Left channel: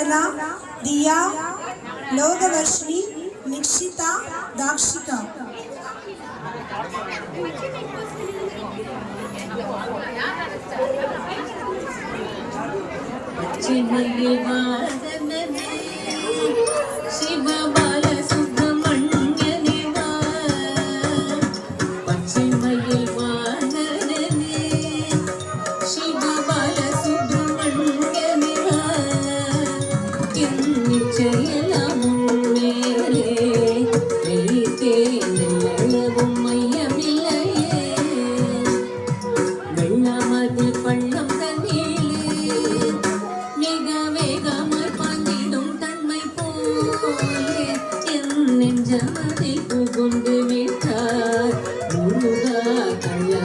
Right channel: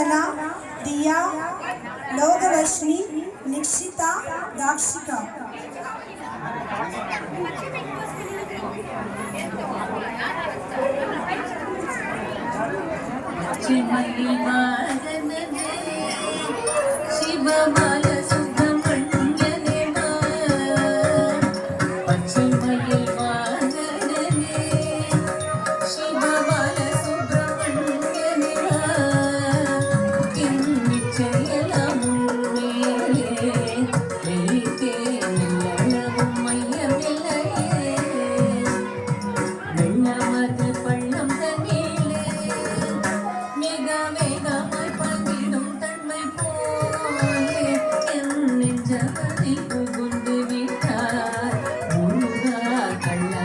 कला दिया लोकवर्षि निक्षिता दाक्षिका चिन्ह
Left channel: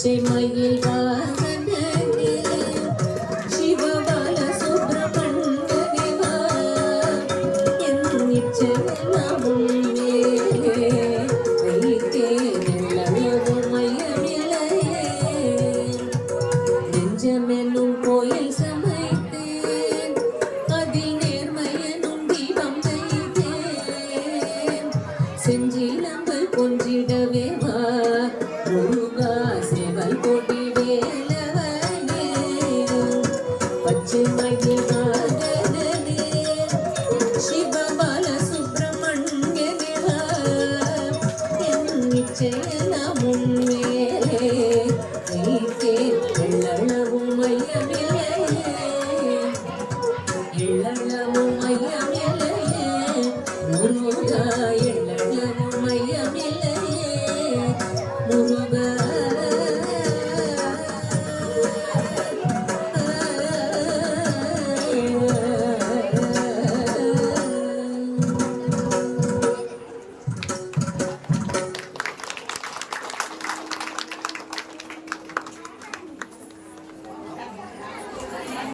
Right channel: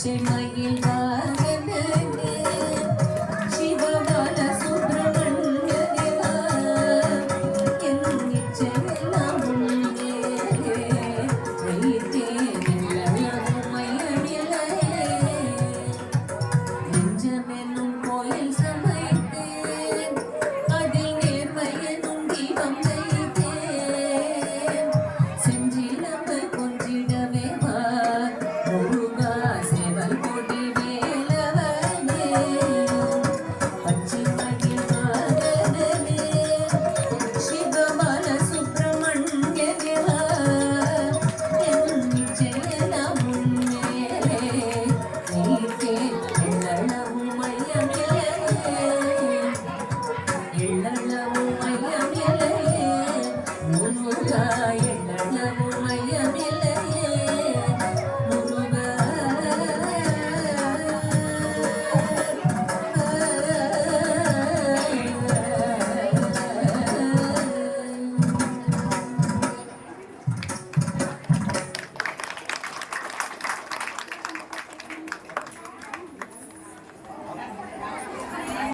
പച്ചമയിൽ വാഹനങ്ങൾ ശിവബാല സുബ്രഹ്മണ്യ എന്നിച്ച